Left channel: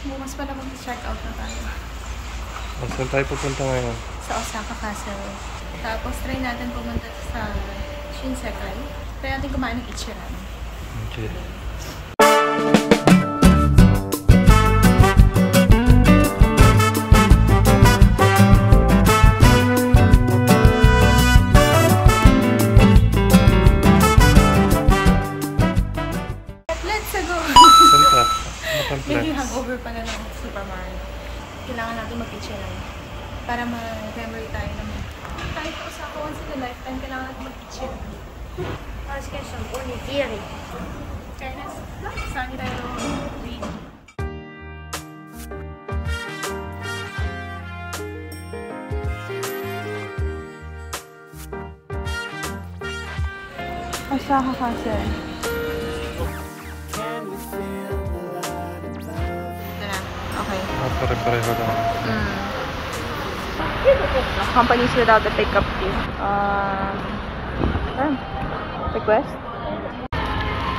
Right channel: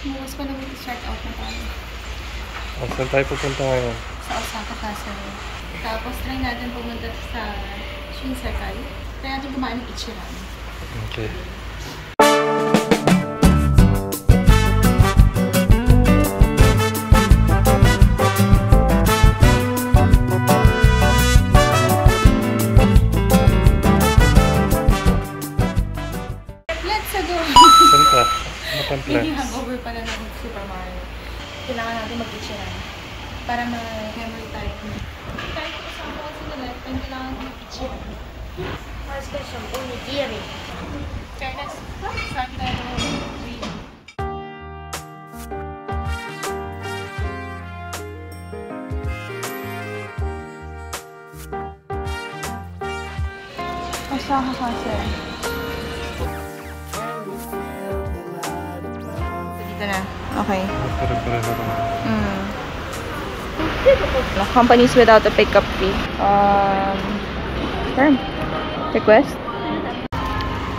Bukas pala mag-check out na tayo. Saan tayo pupunta ngayon? Sa Osaka Castle. Tapos try natin pumunta sa Shinsekai. Try natin kumain ng Ichiran. Okay. Let's go! Saan pa? Ano pang plan? Maybe hangover pala ng Super Mario. Kailangan natin mag-Ichiran. Para ma-memory tayo naman. Kahit sa Osaka once in a lifetime, kailangan natin mag-Ichiran. Let's get some onigiri. Fairness, saan pero wait. Osaka Castle. Ito na. Okay. Pare-pareho lang. Companies without a pickup fee. Term. Request?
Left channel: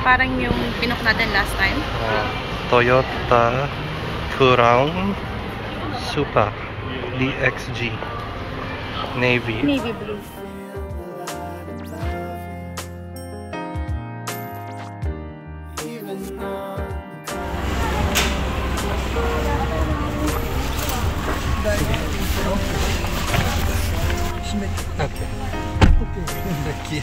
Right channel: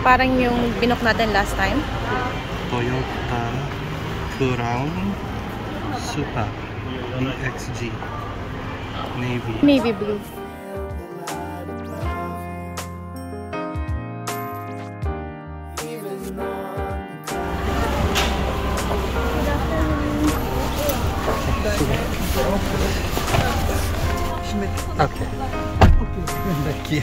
Parang yung binook natin last time. Toyota Crown Super DXG Navy. Navy blue. Okay. Thank you.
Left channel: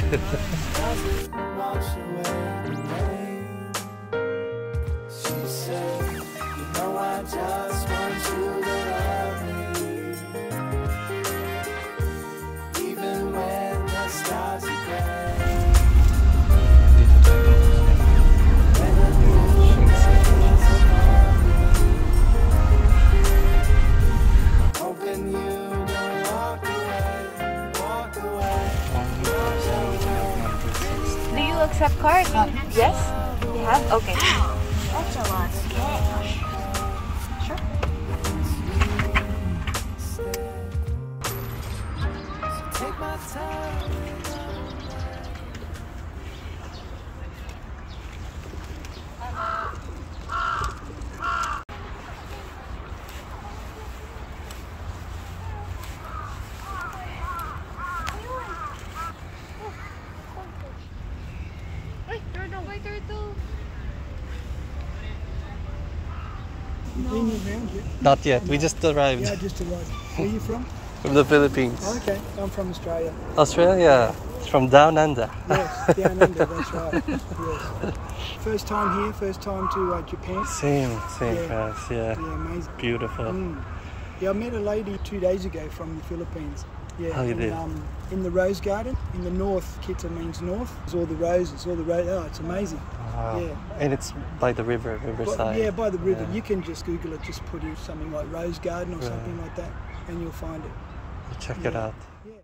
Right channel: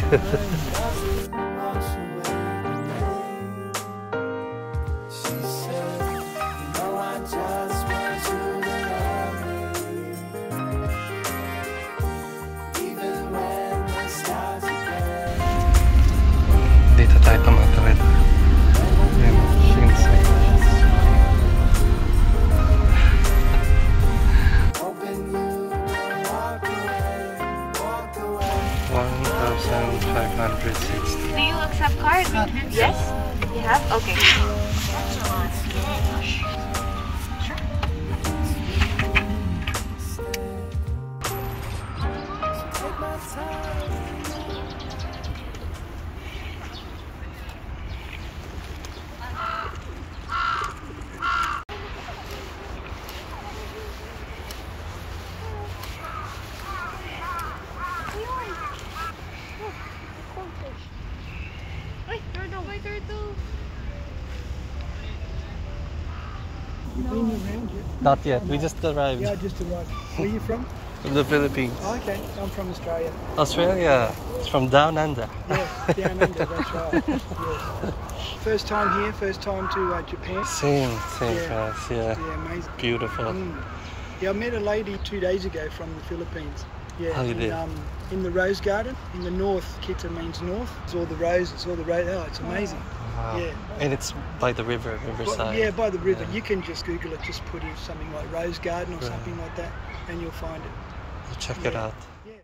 Dito tayo tumatawid. Do you accept card? Yes? Yeah? Okay. Not yet. We just arrived. Yeah, I just arrived. Where are you from? From the Philippines. Oh, okay, I'm from Australia. Australia. It's from down under. Yes, down under, that's right. Yes. First time here, first time to Japan. Same Yeah. for us. Yeah. Yeah, amazing. Beautiful. Yeah, I met a lady 2 days ago from the Philippines. Yeah, Oh, you did? in the rose garden. In the north, Kita means north. It's all the roses, all the roses. Oh, it's amazing. Wow. Yeah. And it's by the river, riverside. Yeah, by the river. Yeah. You can just Google it, just put in something like rose garden or something like that, and you'll find it. Check it out. Yeah.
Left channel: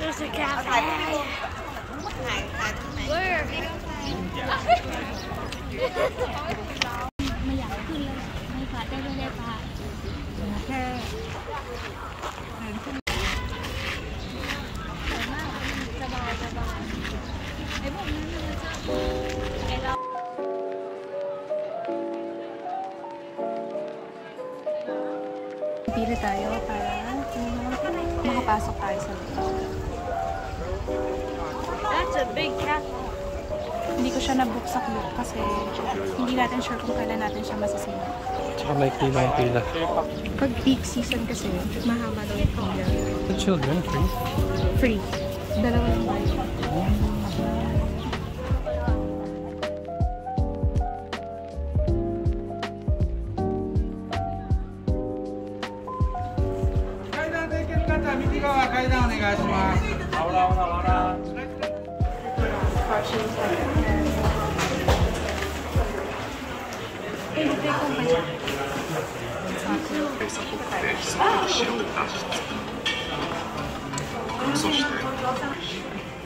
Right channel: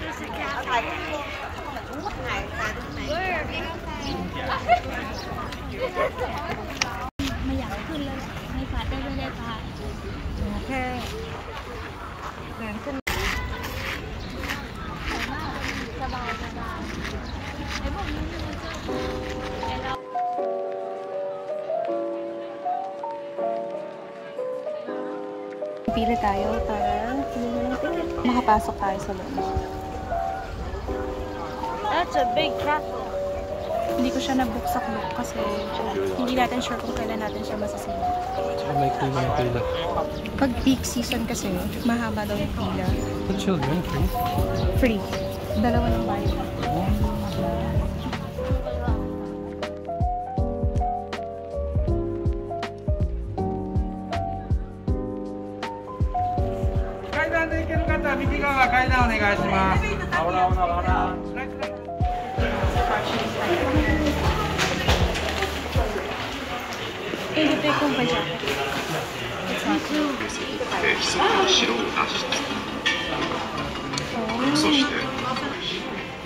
There's a cafe. Pili tayo para makapasok tayo sa loob. That's a big cafe. Hindi ko siya nabuksak-buk kasi hindi natin sure kung kailan natin siya masasina. Tsaka may pila. Pag peak season kasi, mahaba daw yung pila. The children free. Free. Dalawang bayan.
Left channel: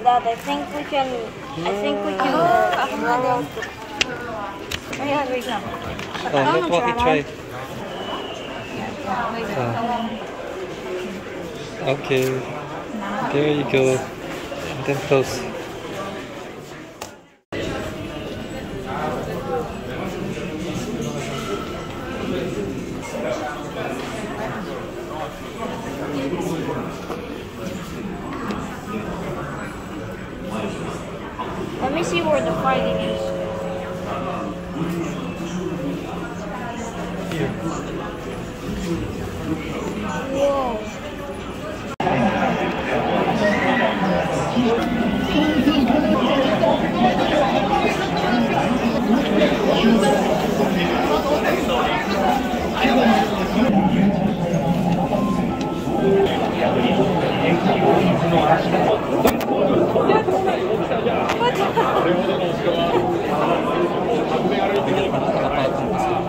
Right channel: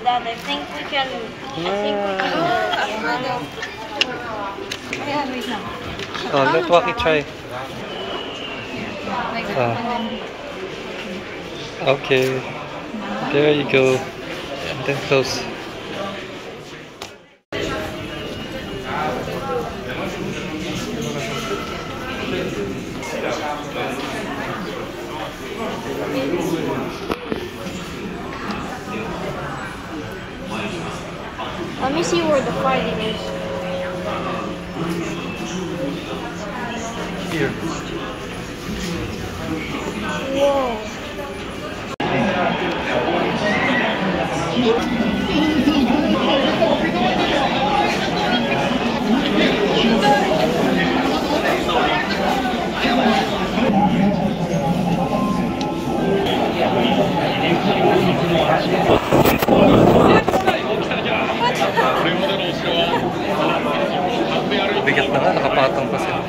Dad, I think we can. Ayan, wait lang. Oh, let Waki try. Like that. Ah. And then, Okay. There you go. And then close. Let me see where the fighting is. Here. Whoa. Bigat na nga, nakapatong pa sila.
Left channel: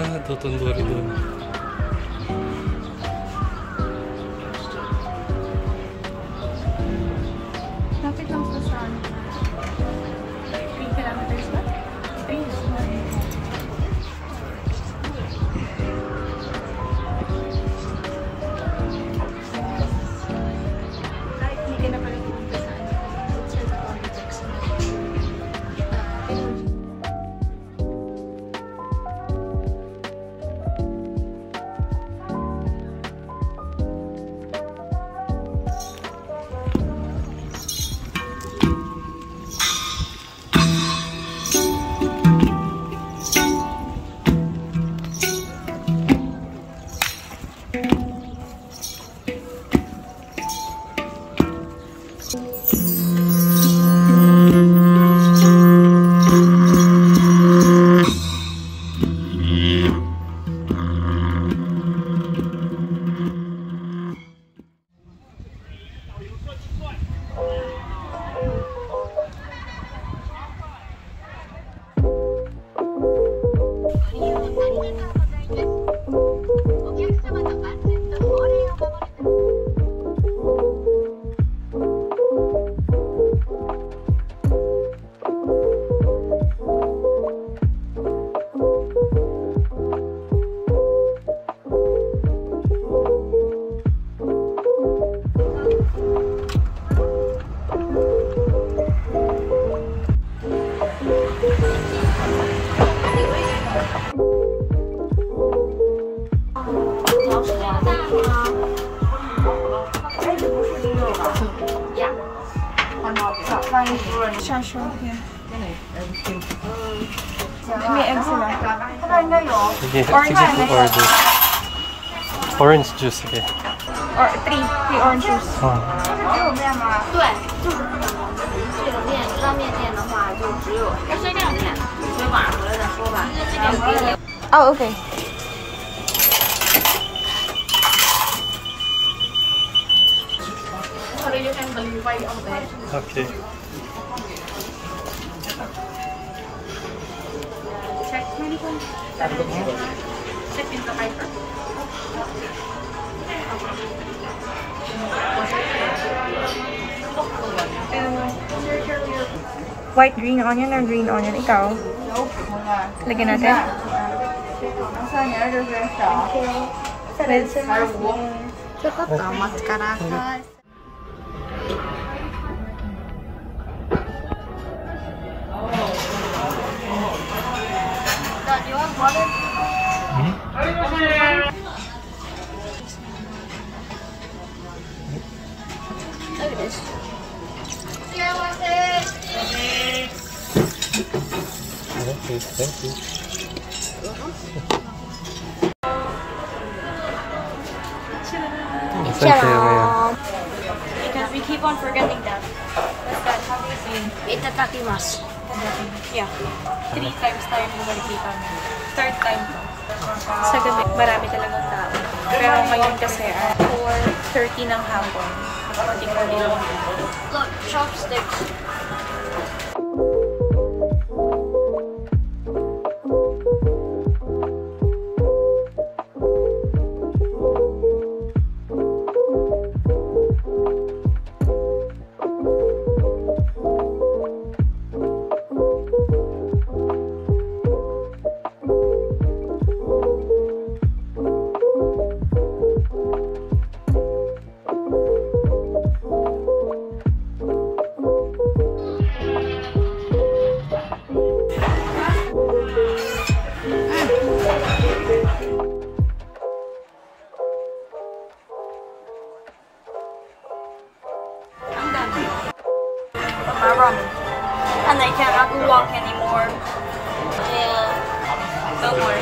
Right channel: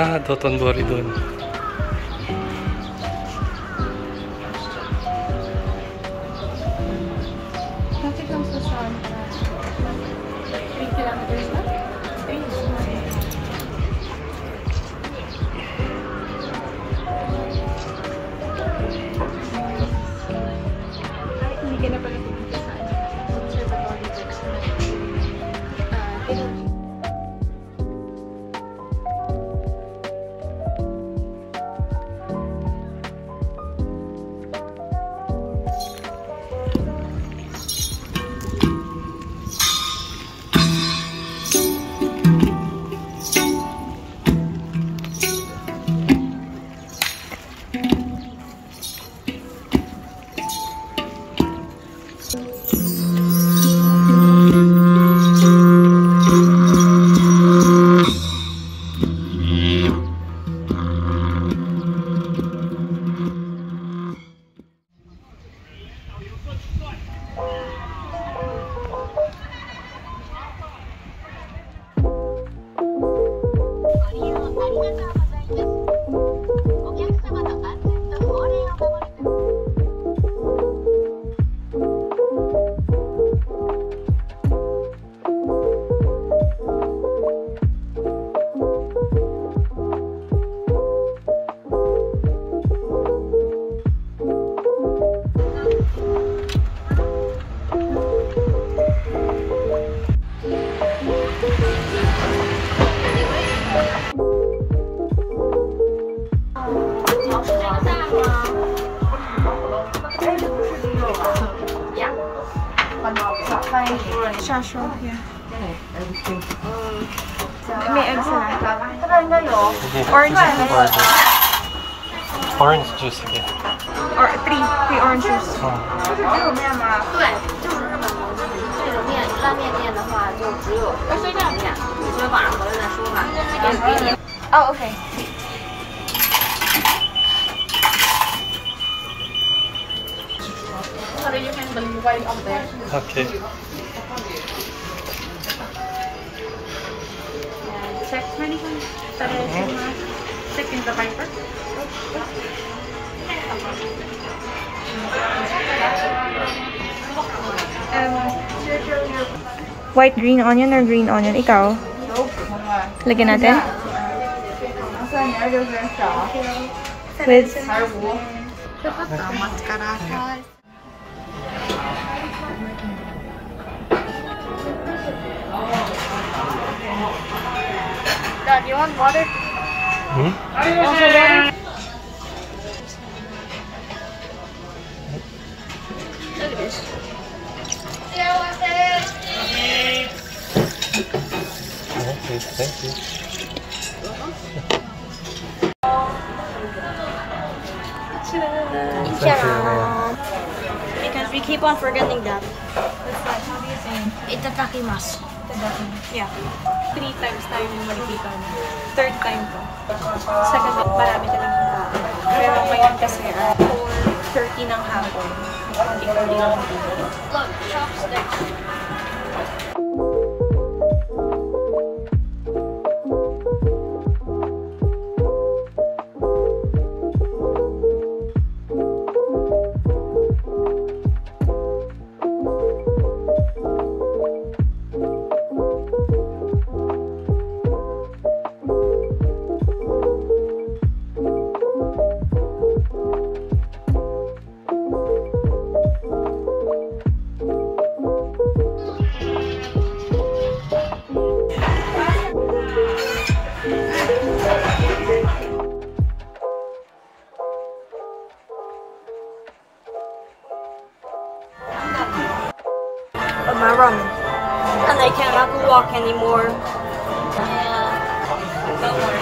Ah, Dotonbori doon. Bakit lang sa 3 kilometers ba? 3 is hindi ka na pala Shasho. May egg sila. Sige, Orange sige, juice. order. Orange juice, sige. Or 3 orange juice. 对，就是日本的这个面拉面店的话，就只有这两面，所以晚上回来再说吧。要给你。 Oh, okay. Okay. Check. Mali ko. Check in the viper. White green onion or green onion? Ikaw? Lagyan natin? With Dad, you want water? Hmm? You want some water? Look at this. Okay, thank you. Thank you. Because we keep on forgetting that. what's that? How do you say? Itadakimasu. Itadakimasu. Yeah. 3 times tayo bumalik dito. 3rd time to. Sa gabi, marami talagang tao. Pero ngayon kasi ay 4:30 ng hapon. Konting-konti lang dito. Look, chopsticks. My ramen. And they can't have to walk anymore. Yeah. Don't worry.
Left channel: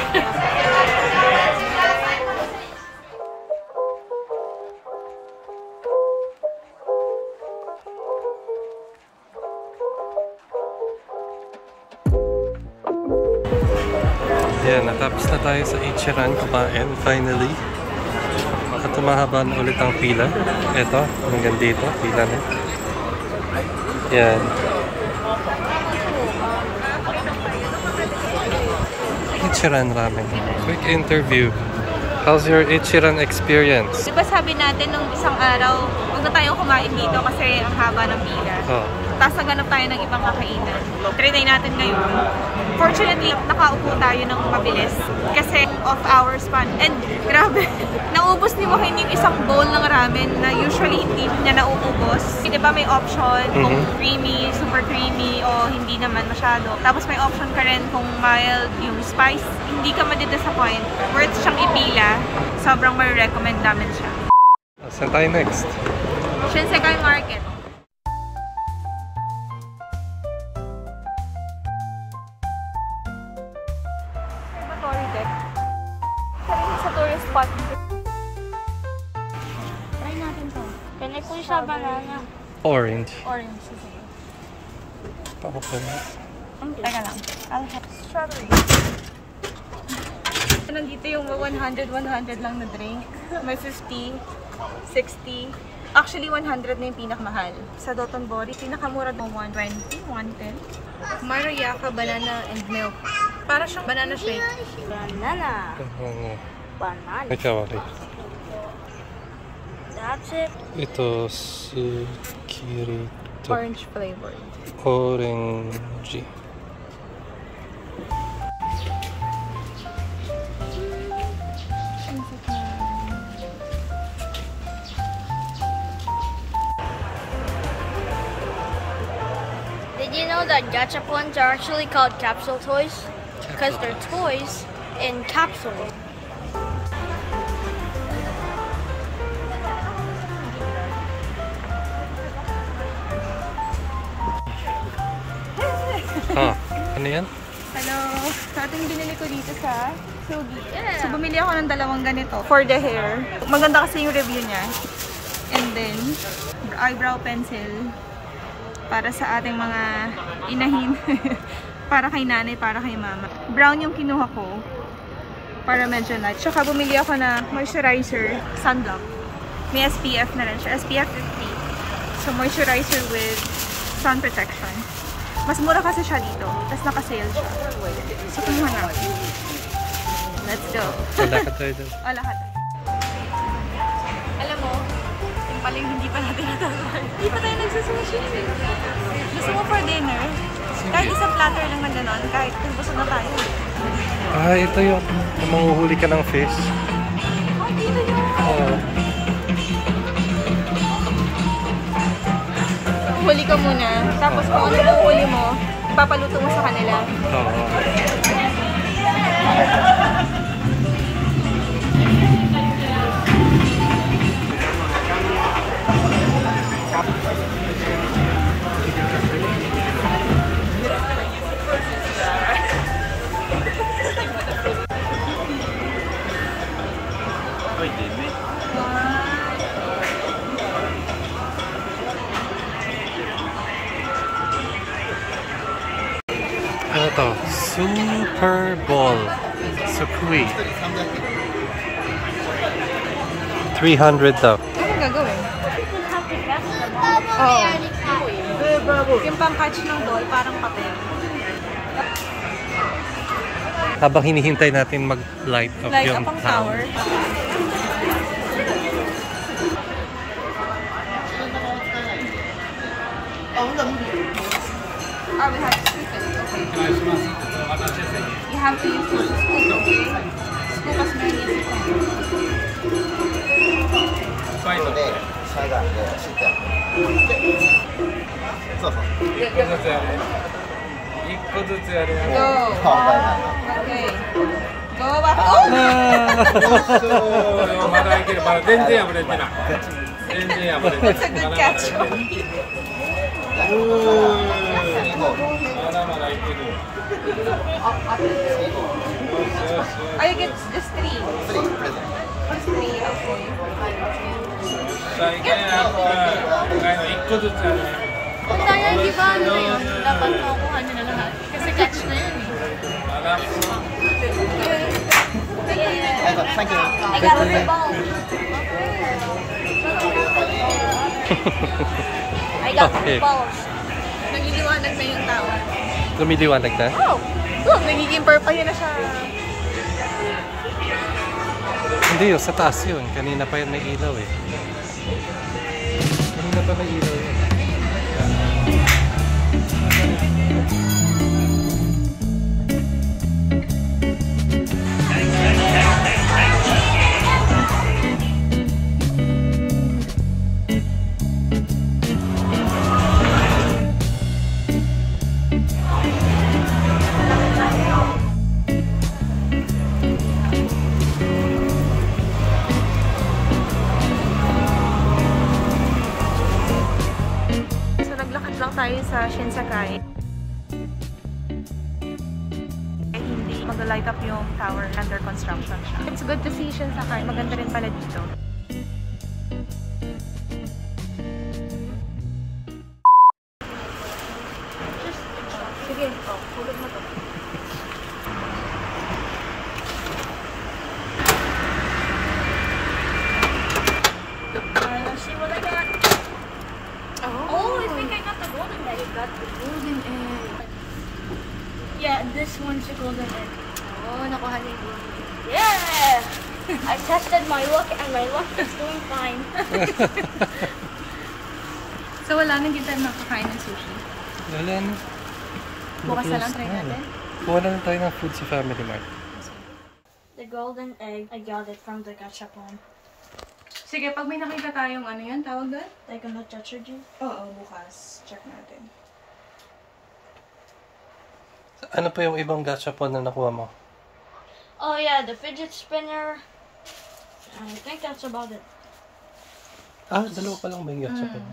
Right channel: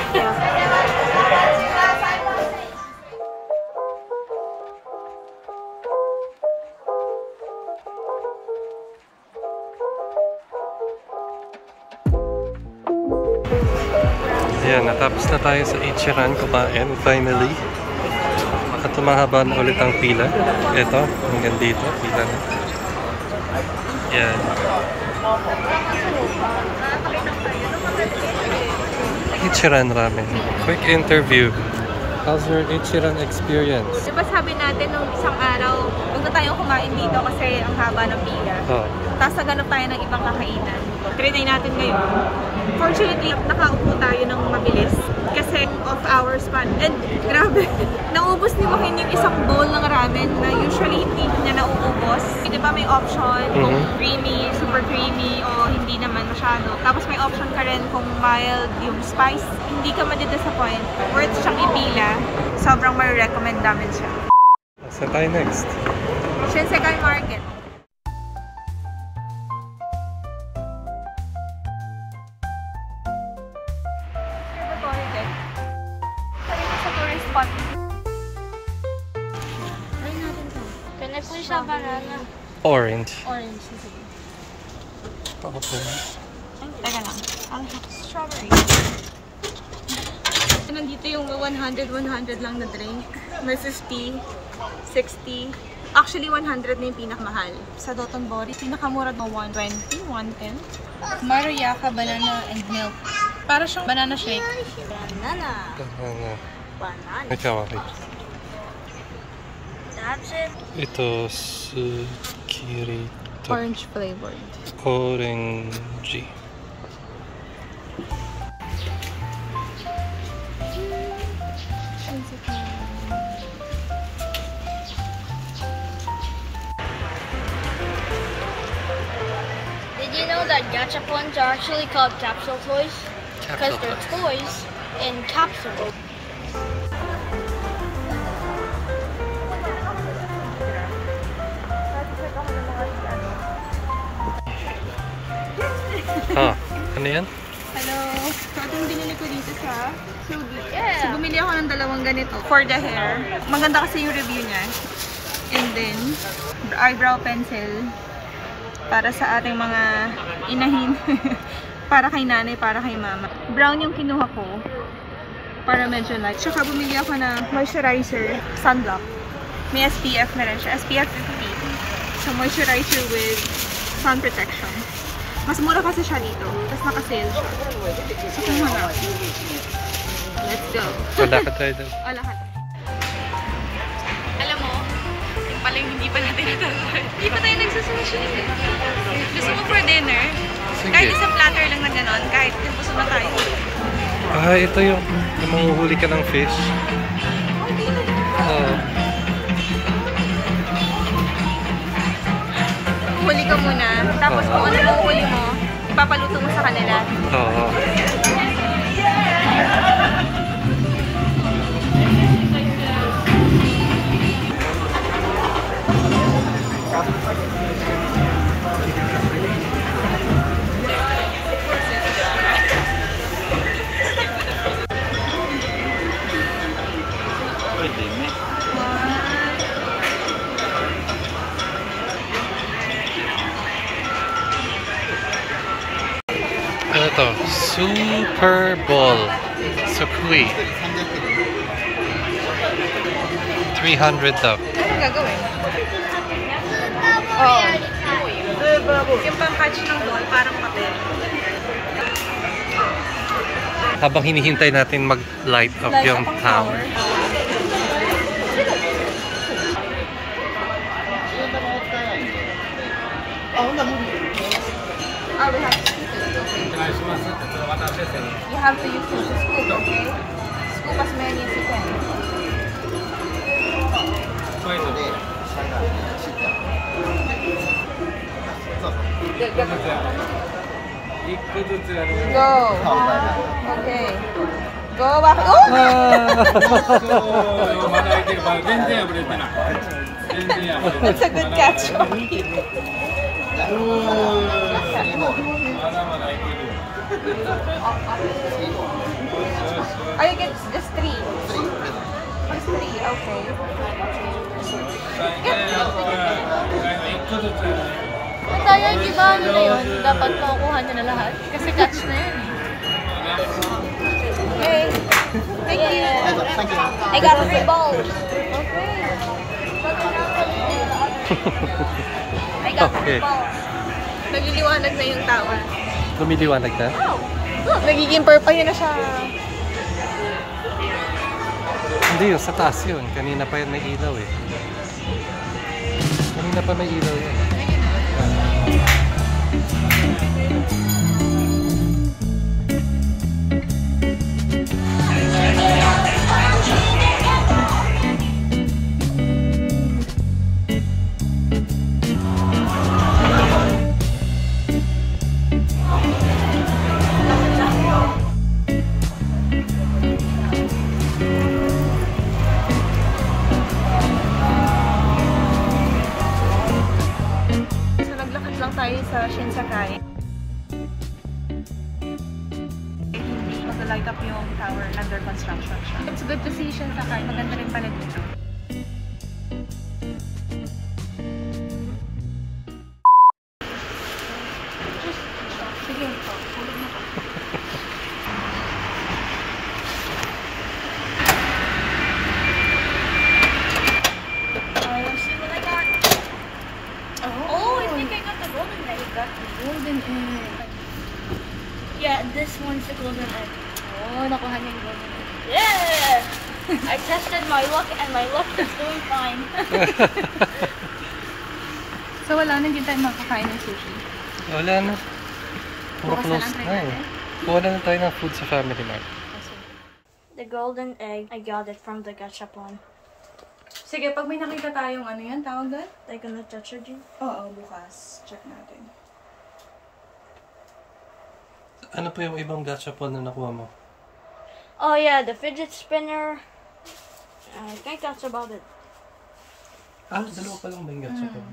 Ayan, natapos na tayo sa Ichiran kumain, finally. At tumahaba na ulit ang pila. Ito, hanggang dito, pila na. Ayan. Ichiran Ramen. Quick interview. How's your Ichiran experience? Diba sabi natin nung isang araw, huwag na tayong kumain dito kasi ang haba ng pila. Oh. Tapos naganap tayo ng ibang kakainan. Trinay natin ngayon. Fortunately, nakaupo tayo ng mabilis kasi off hours pa. And grabe, naubos ni Joaquin yung isang bowl ng ramen na usually hindi niya nauubos. Diba may option kung creamy, super creamy o hindi naman masyado. Tapos may option ka rin kung mild yung spice. Hindi ka madidisappoint. Worth siyang ipila. Sobrang ma-recommend namin siya. Saan tayo next? Shinsekai Market. Sa tourist spot. Try natin to. Can I please have banana? Orange. Orange. Okay. Teka lang. I'll have strawberry. Nandito yung 100 lang na drink. May 50, 60. Actually, 100 na yung pinakamahal. Sa Dotonbori, pinakamura na 120, 110. Maruyaka, banana, and milk. Para siyang banana shake. Banana. Banana. Banana. Ikaw, okay. That's it. Ito, Sukirito. Orange flavored. Orange. Did you know that gachapons are actually called capsule toys? Because they're toys in capsules. Ah, ano yan? Hello! So, ito yung binili ko dito sa Sugi. So, bumili ako ng 2 ganito for the hair. Maganda kasi yung review niya. And then, eyebrow pencil para sa ating mga inahin. Para kay nanay, para kay mama. Brown yung kinuha ko para medyo light. Tsaka bumili ako na moisturizer, sunblock. May SPF na rin siya. SPF 50. So, moisturizer with sun protection. Mas mura kasi siya dito. Tapos naka-sale siya. So, kumuha na ako. Let's go. Wala ka tayo dun. O, lahat. Alam mo, yung pala yung hindi pa natin natapos. Hindi pa tayo nagsusushi. Gusto mo for dinner? Sige. Kahit isang platter lang na gano'n, kahit kung gusto na tayo. Ah, ito yung manguhuli ka ng fish. Oh, dito yun. Oo. Huli ka muna. Tapos kung ano yung huli mo, ipapaluto mo sa kanila. Oo. Ano to? Super Bowl. Sukui. 300 daw. Ano gagawin? Oo. Yung pang-catch ng ball, parang papel. Habang hinihintay natin mag-light up Light yung up ang tower. Ah, we have to scoop it. Okay. You have to use the scoop, okay? Scoop as many as you can. Go. Okay. Go back. Oh! That's a good catch. Oh, you get just 3. Just 3, okay. Ang dami yung ginano yun. Dapat makukuha nyo na lahat. Kasi catch na yun eh. Okay. Thank you. Thank you. I got the balls. I got Okay. the balls. Nagliliwanag na yung tower. Lumiliwanag na? Nagiging purple yun na siya. Hindi yun, sa taas yun. Kanina pa yun may ilaw eh. Kanina pa may ilaw yun. Tayo sa Shinsekai. Hindi mag-light up yung tower, under construction siya. It's good to see Shinsekai. Maganda rin pala dito. Sige, hulog na to. Oh, I think I got the golden egg. Got the golden egg. Yeah, this one's the golden egg. Oh, nakuha niya yung golden egg. Yeah! I tested my luck and my luck is doing fine. So wala nang hindi tayo makakain ng sushi. Wala na. Puro Bukas na close lang try na eh. natin. Kuha na lang tayo ng food sa Family Mart. The golden egg, I got it from the gachapon. Sige, pag may nakita tayong ano yan, tawag doon? They're gonna touch her, Jin? Oo, bukas. Check natin. Ano pa yung ibang gachapon na nakuha mo? Oh yeah, the fidget spinner. I think that's about it. Ah, dalawa pa lang ba yung gachapon?